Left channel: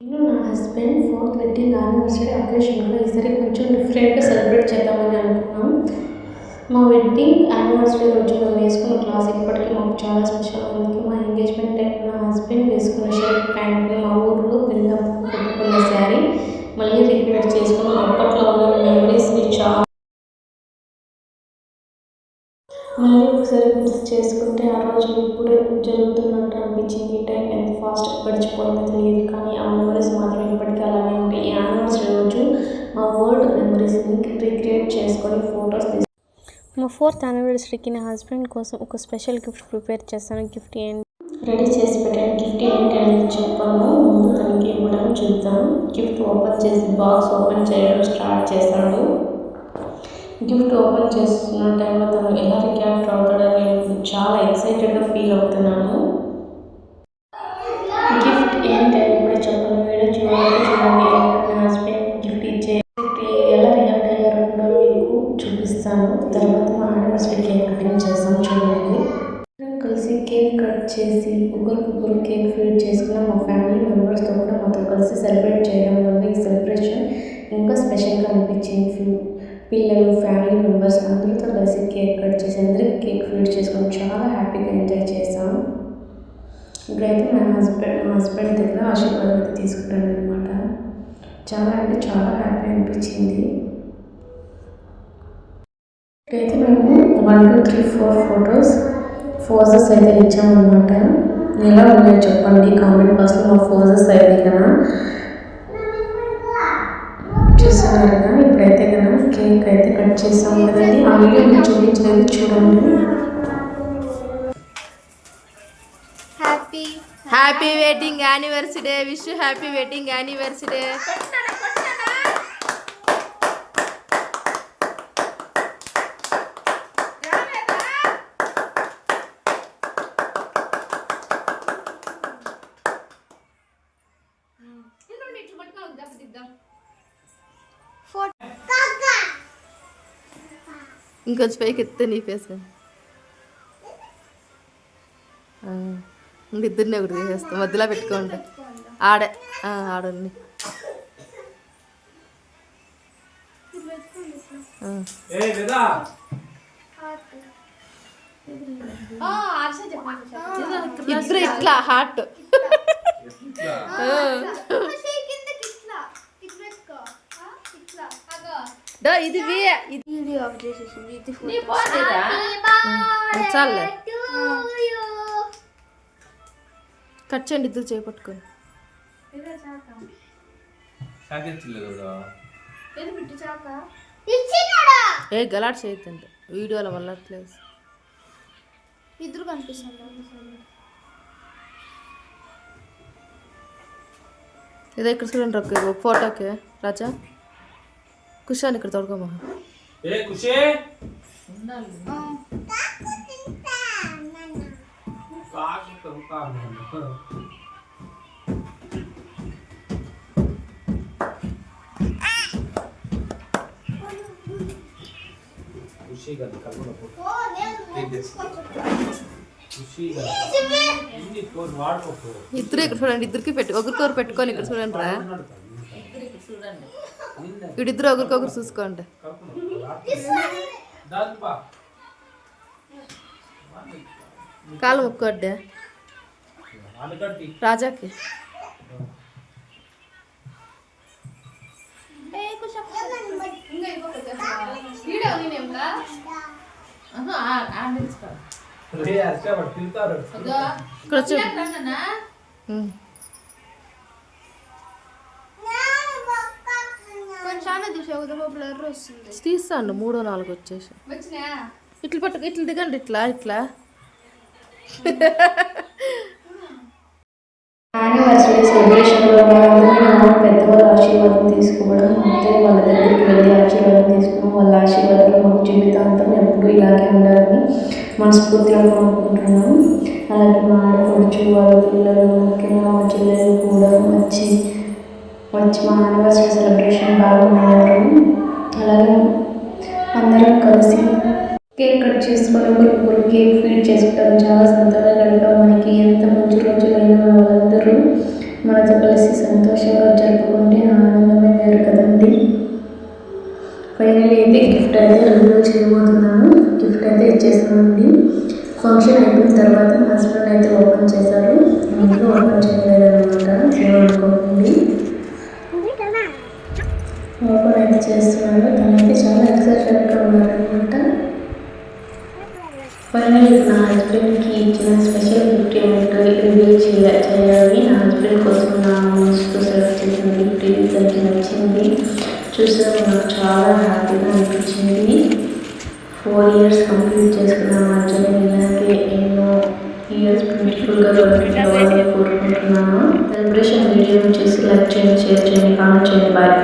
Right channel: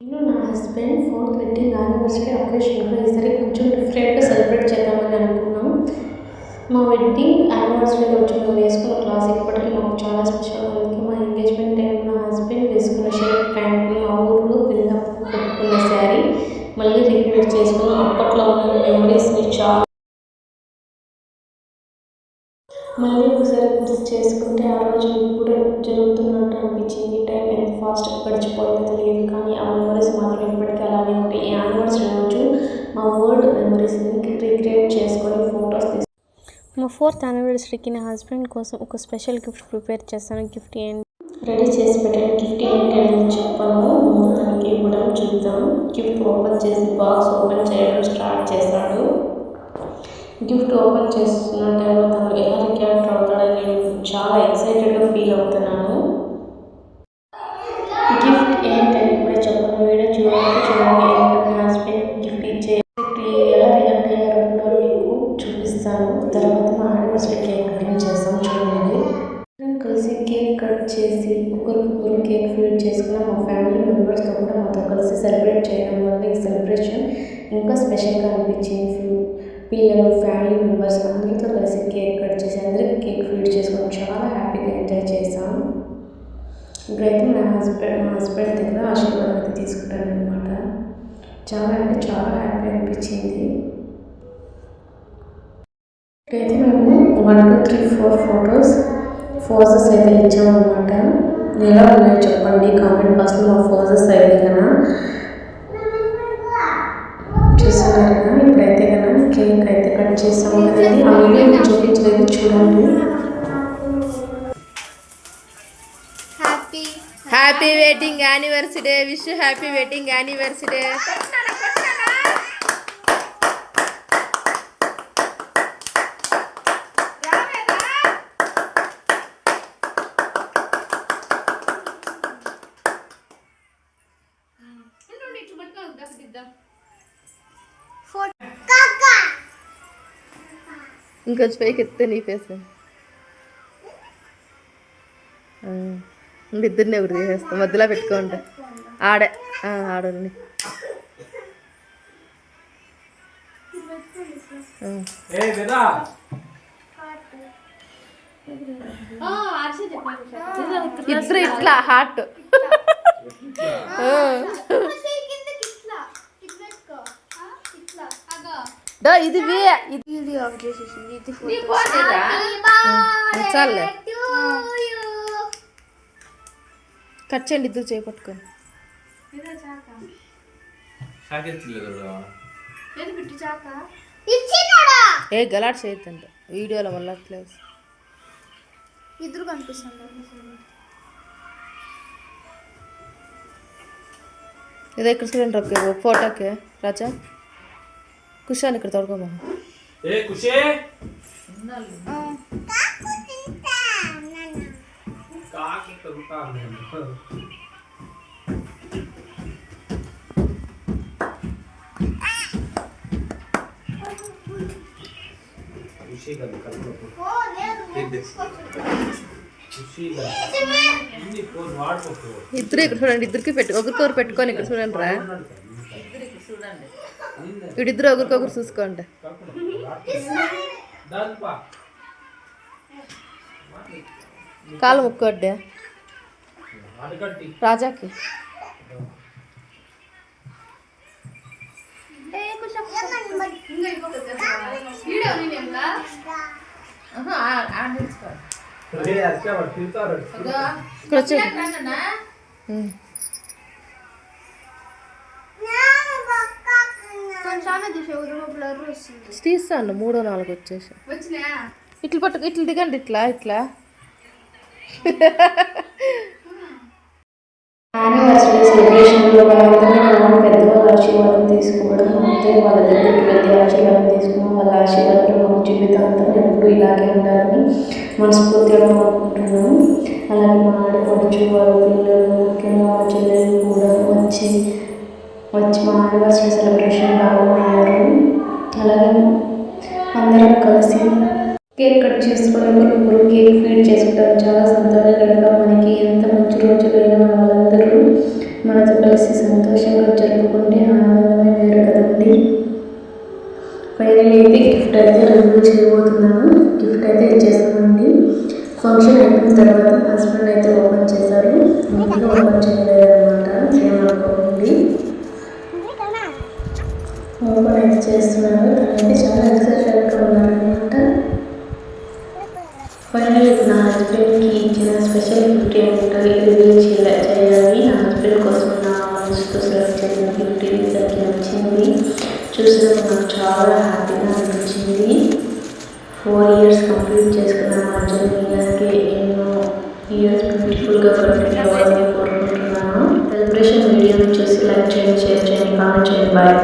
నేను నా husband 4th wedding anniversary అకేషన్గా ఈసారి కొంచెం డిఫరెంట్గా సెలబ్రేట్ చేద్దామని అనుకున్నాం. మా వెడ్డింగ్ యానివర్సరీ రోజు మేము వేసుకున్న క్లాస్ ఇప్పటికీ మాకు చాలా స్పెషల్. అందుకే మా ఎంగేజ్మెంట్ టైంలో నా హస్బెండ్ వేసుకున్న షర్ట్ ప్యాంట్లు, మా ఊర్లో పెళ్ళప్పుడు కట్టుకున్న శారీ మళ్ళీ రిక్రియేట్ చేసుకున్నాం. అప్పట్లో ఉన్న మెమరీస్ని మళ్ళీ ఒకసారి గుర్తు చేసుకుంటే ఆ రోజులు ఇప్పుడే జరుగుతున్నట్టు అనిపించింది. టైం ఎంత ఫాస్ట్గా గడిచిపోయిందో తెలియదు, కానీ ఆ మెమరీస్ మాత్రం ఇప్పటికీ అలానే ఉంటాయి. ఈ యానివర్సరీ రోజు మా ఓల్డ్ మెమరీస్ని రీక్రియేట్ చేసుకొని ఫొటోస్ మా 4th యానివర్సరీకి నా హస్బెండ్ కోసం ఒక స్పెషల్ గిఫ్ట్ ప్రిపేర్ చేస్తాను. గిఫ్ట్ ఏంటి రెడీ చేసి పెట్టాను. గిఫ్ట్ ఏంటి అనేది చెప్పను, ముందు తనకి ఇవ్వడం చూద్దాం. గిఫ్ట్ ఓపెన్ చేసి బాక్స్ ఓపెన్ చేయడం స్టార్ట్ చేశాడు. గిఫ్ట్ ఓపెన్ చేస్తున్న టైంలో తను ఎలా రియాక్ట్ అవుతాడో నేను చాలా ఎక్సైటెడ్గా ఫీల్ అవుతున్నాను. గిఫ్ట్ ఏంటని ఇప్పుడే చెప్పను, వీడియో చూడండి. ఎందుకంటే నా హస్బెండ్ గిఫ్ట్ ఎలా రియాక్ట్ అయ్యారో కూడా మీకు చూపిస్తాను. తర్వాత మా యానివర్సరీ కేక్ కటింగ్ చేస్తాం, చూడండి. కలిసి కేక్ కట్ చేసి ఒకరికొకరు కేక్ ఫీడ్ చేసుకున్న మా ఫ్యామిలీ మెంబర్స్తో కూడా మాతో కలిసి సెలబ్రేట్ చేయడం వల్ల ఈ సెలబ్రేషన్ ఇంకా స్పెషల్గా అనిపించింది. పిల్లలు, ఫ్యామిలీ మెంబర్స్ అందరితో కలిసి కేక్ కట్ చేసి అందరికీ కేక్ ఫీడ్ చేసుకొని చాలా హ్యాపీగా ఎంజాయ్ చేసాం. ఇప్పుడైతే మా హస్బెండ్ దగ్గర ఆశీర్వాదం అయితే తీసుకుంటాను అనమాట. చాలా అంటే చాలా హ్యాపీ అనిపించింది. ఇప్పుడైతే మేము 1 2 3 4 ఫోజెస్ అయితే ఇచ్చామన్నమాట. ఎలా ఉన్నాయో చెప్పండి కామెంట్ బాక్స్లో. మా ఫోజెస్ అయితే కన్నా చూస్తున్నారుగా. ఇప్పుడైతే కన్నా కేక్ అయితే కట్ చేస్తాము కదండి. ఆ వీడియో మీకు చూపించలేదు, చూడండి. Happy wedding anniversary, wish happy wedding anniversary. ఇంకొంచెం పైకి ఎత్తే నీ ఫేస్ ఇద్దరిని ఒకటి తీసేస్తాం, మధ్యలో పెట్టుకోండి. ఆడండి. ఇద్దరు ఇట్లా హార్ట్. ఇది చాలే, కట్ చేయండి ఇద్దరు చేపట్టుకొని. ఏ గలాట్ చేయొద్దంట వీడియోలో, మళ్ళీ అట్లే ఇద్దరు కనిపిస్తుంది. ఇదే ఇక్కడ చూడండి ఒక ఫోటోకి. రాజా కుషాన్ ఇక్కడ తొడగమా. ఇద్దరు ఇక్కడ చూడండి, ఇద్దరికి ఒకరికొకరు పెట్టుకొని ఇక్కడ చూడండి రా. వీడిద్దరు ఒకరికొకరు చూసుకోండి. కాలు ముక్కోడ్డే రాజాకి. ఇక్కడ వచ్చే తీస్తాను 3 4 వచ్చేసి. ఇట్లా పట్టు, ఇట్లా దిగండి, ఇట్లా ఇట్లా. యానివర్సరీ సెలబ్రేషన్లో అందమైన పెద్దవాళ్ళ ఆశీర్వాదం తీసుకోవడం, అత్తయ్య వాళ్ళ దగ్గరికి వెళ్ళి ఆశీర్వాదం తీసుకున్నాం. వాళ్ళ ఆశీర్వాదాలు మాకు జీవితాంతం ఎప్పుడు ఇలాగే ఉండాలని మనస్ఫూర్తిగా కోరుకుంటున్నాం. అలాగే మా ఆడపడుచు వాళ్ళ పిల్లలు, ముఖ్యంగా మా చెల్లెలు కూడా వచ్చి మా యానివర్సరీ సెలబ్రేషన్ భాగమయ్యారు. అలాగే అందరం కలిసి కేక్ కట్ చేసుకొని ఒకరికొకరు కేక్ ఫీడ్ చేసుకుంటాం. చాలా సంతోషంగా మనకి ఎంత మంచి రోజులైనా మన వాళ్ళందరూ మనతో కలిసి సంతోషంగా జరుపుకుంటే ఆనందమే వేరు కదండి. ఫైనల్ అయితే గిఫ్ట్ అయితే రివీల్ చేయబోతున్నాను. గిఫ్ట్ అయితే ఇచ్చేసామండి. ఫంక్షన్ అయిపోయిన తర్వాత మా హస్బెండ్ అయితే ఓపెన్ చేశారు. ముందుగా ఓపెన్ చేయలేదన్నమాట, ఏమనుకోకండి. ఓపెన్ అయితే చేస్తున్నారు. తనైతే చాలా ఎక్సైటెడ్గా ఉన్నారనమాట. ఫైనల్ నా హస్బెండ్కి ఇచ్చిన స్పెషల్ గిఫ్ట్ ఏంటో రివీల్ చేయాలి. నా హస్బెండ్ కోసం నా మనసుతో సెలెక్ట్ చేసిన గిఫ్ట్ ఇది. తనకి నచ్చింది. చూసినప్పుడు నాకు చాలా హ్యాపీగా అనిపించింది. 4 years కంప్లీట్ చేసుకున్న మా జర్నీ ఇలాగే ఎన్నో ఇయర్స్ బ్యూటిఫుల్గా కంటిన్యూ అవ్వాలని కోరుకుంటున్నాను. సెలబ్రేషన్ వీడియోని చూసి లైక్ చేయండి, షేర్ చేయండి, కామెంట్ చేయండి. బాయ్.